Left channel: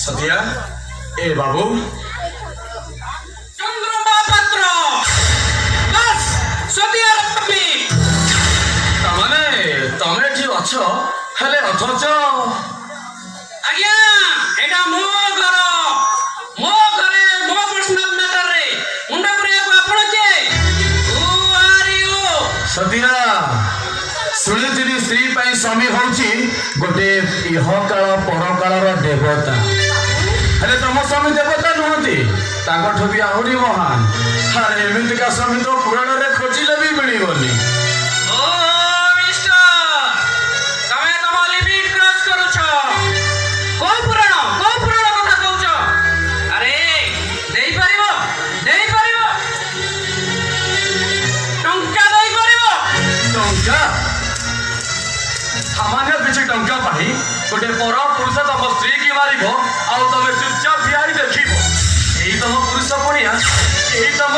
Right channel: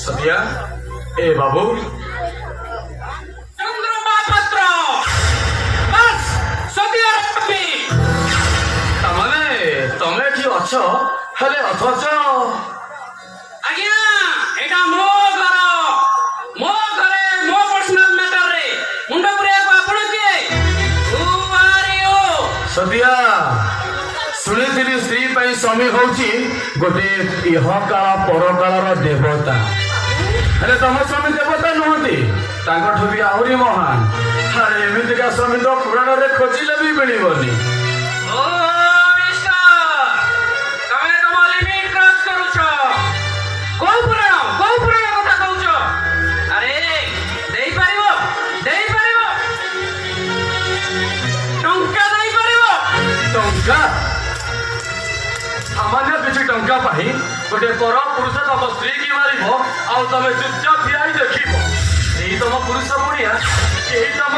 सतिया ए बाबू चंद्रमा पात्र बस सतिया रखबी तमने तमे जी अछ हेले अथच आज्ञा एटा मो घरे मो पर्सनल मैटर रे मुंडा करे आपण के हु आर यू सतिया सुनिथिबी स्त्री पई स्वामी होउची गोटे इहकाल परकालर देवता हेले तम स्वामी देवता नुहति ताकठु भी आहुरी महान हारे एमितिका स्वामी तो पुराण रे खोजिले भी मिलिबनी ओ मिस्टर तमे तम लिमिट क्रॉस करूछ को पुराण कथा कहूछ अरे देई परिबो टंका देई परिबो टंका सामान्य पिछे टंका पाही गोटे पर पुरुष तम स्त्री की मारिब आउ तमे चुपचाप बिहारी देखिब एही तम पुरुष बनिया एही तम